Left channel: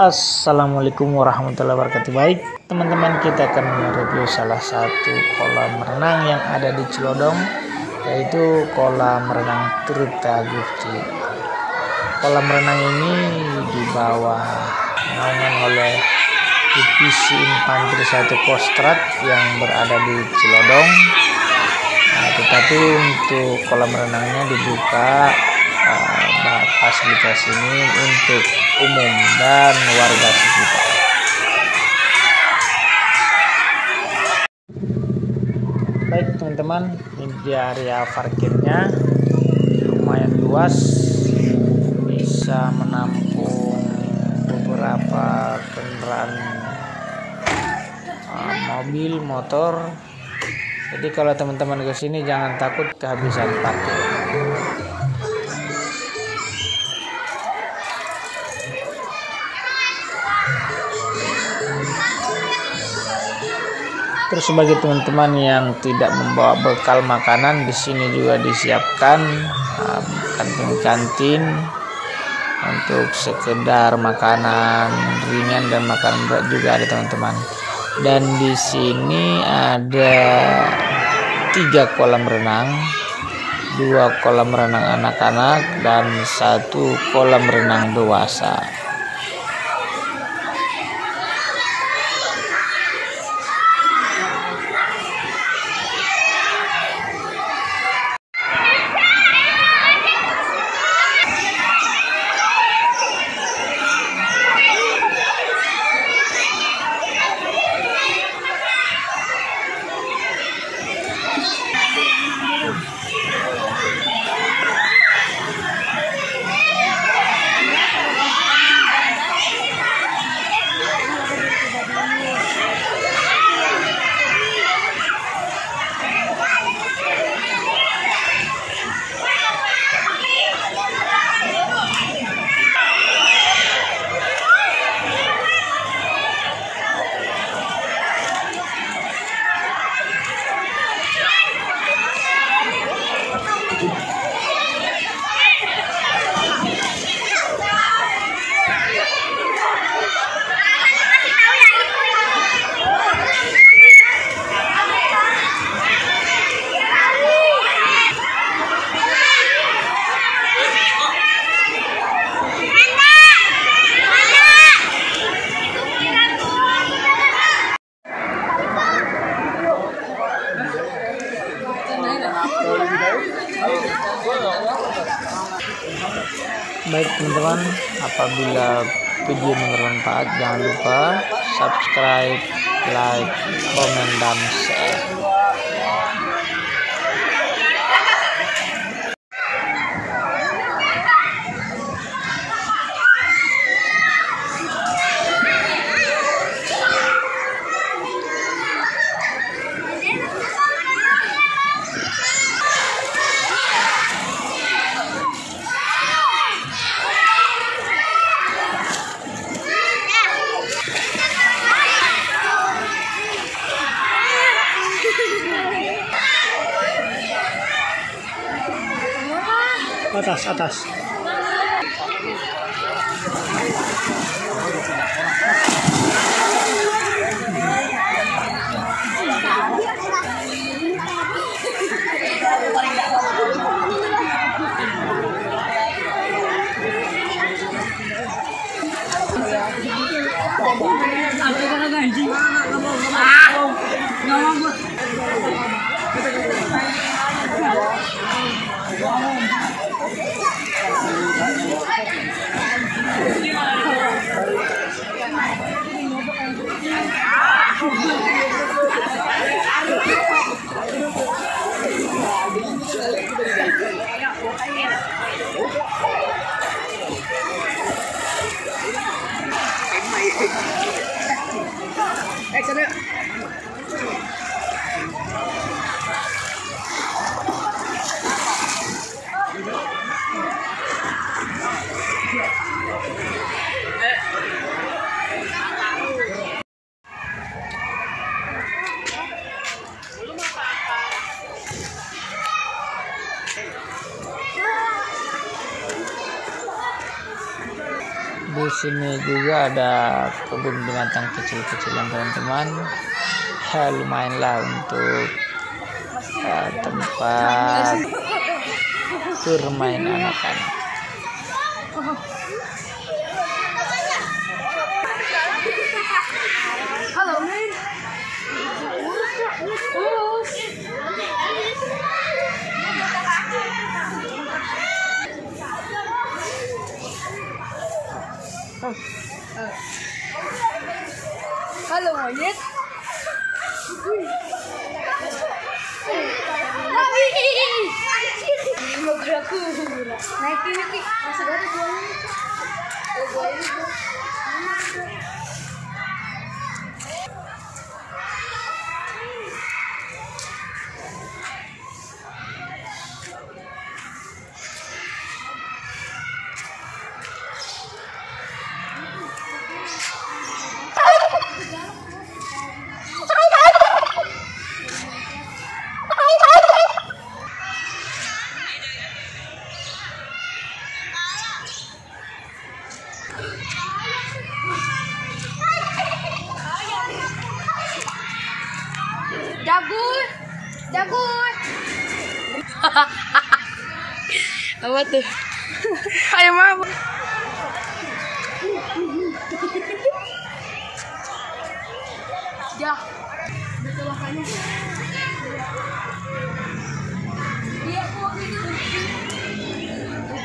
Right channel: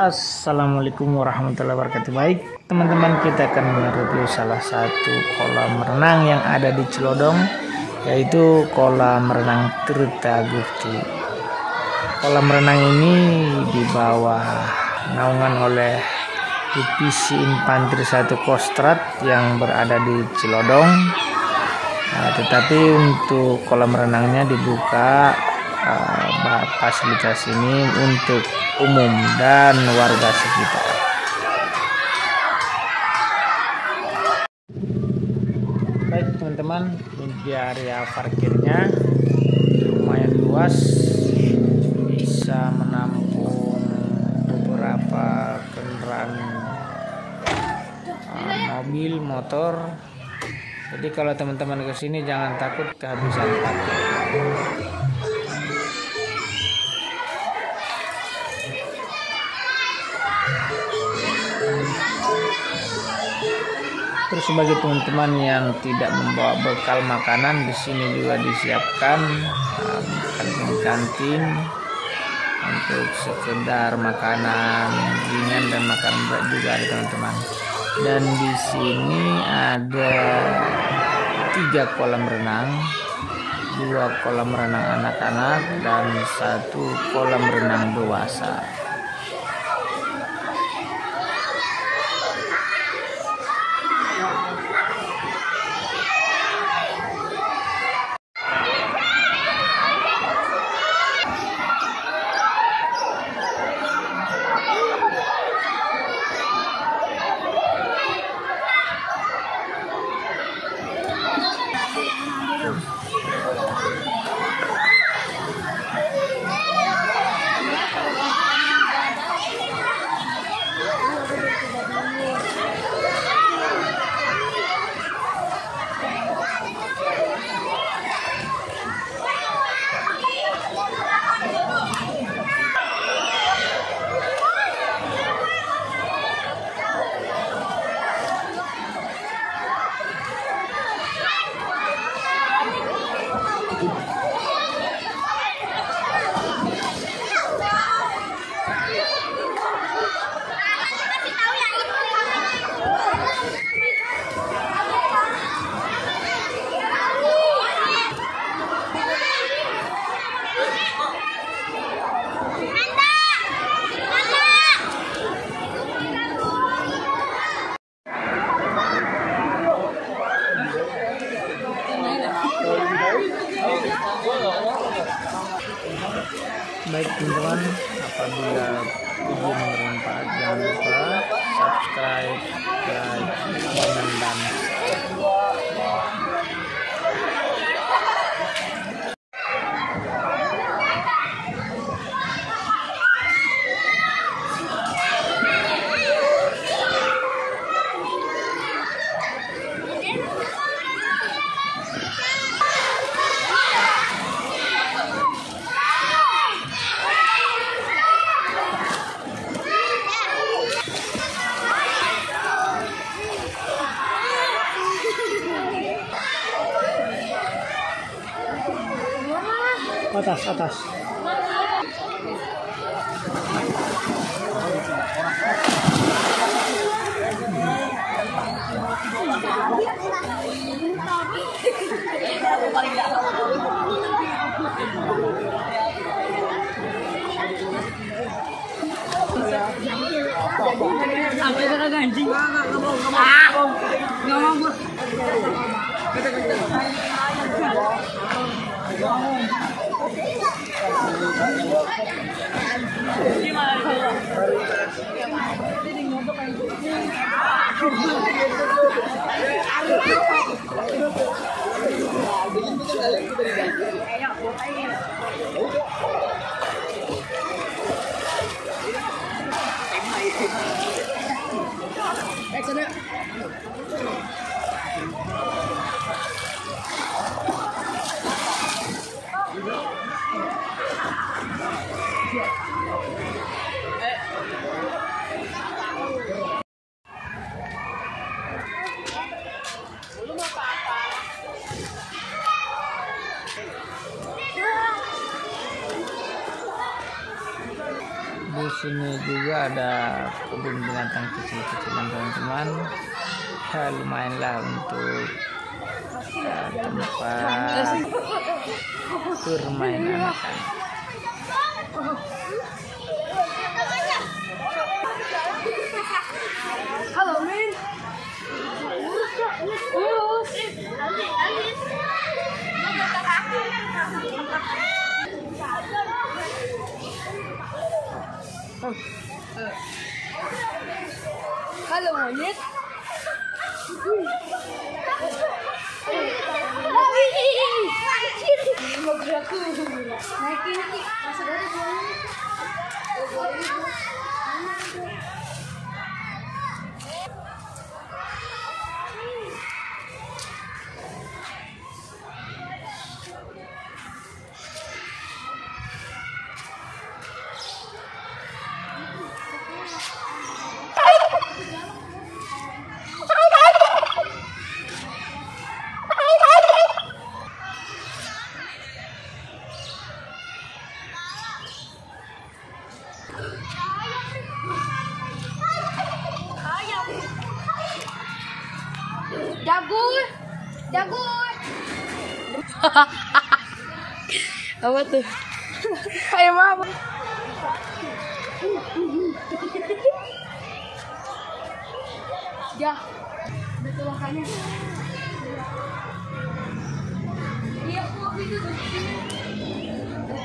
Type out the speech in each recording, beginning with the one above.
Assalamualaikum warahmatullahi wabarakatuh. Baik teman-teman, kita akan mereview salah satu kolam renang yang ada di Cilodong, yaitu kolam renang Tirta Gufti. Kolam renang ini dibawa naungan oleh Divisi Infanteri 1 Kostrad yang berada di Cilodong. Tetapi untuk kolam renangnya dibuka fasilitas ini untuk umum dan warga sekitar. Baik teman-teman, ini di area parkirnya lumayan luas, bisa menampung beberapa kendaraan mobil, motor. Jadi kalau teman-teman ke sini jangan takut kehabisan parkir. Terus bagi teman-teman yang tidak membawa bekal makanan, di sini juga disiapkan kantin-kantin untuk sekedar makanan ringan dan makanan berat juga ada teman-teman. Dan di sini ada 3 kolam renang, 2 kolam renang anak-anak dan 1 kolam renang dewasa. Baik teman-teman, apabila video bermanfaat jangan lupa subscribe, like, komen, dan share. Atas. Di sini juga ada kebun binatang kecil-kecilan teman-teman. Ya lumayan lah untuk tempat bermain anak-anak. Halo men. Urus. Halo monyet. Lagi. Mau gerak naik ini masih ada jagur. Apa tuh? Kayak mama. Ya, betul makanya. Iya, kok itu.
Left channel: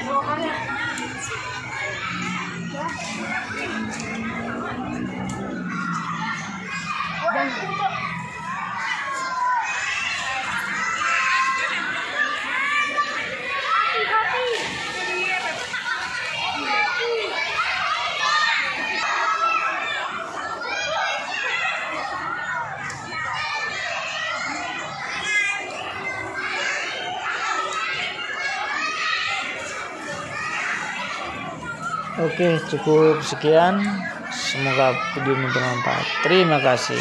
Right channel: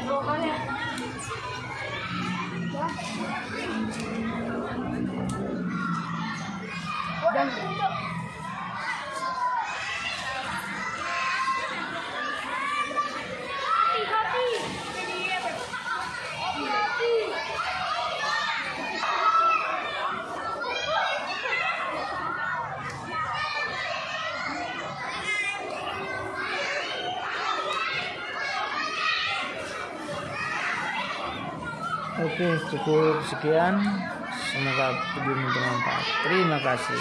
Makanya. Ya. Dan Oke, cukup sekian. Semoga video ini bermanfaat. Terima kasih.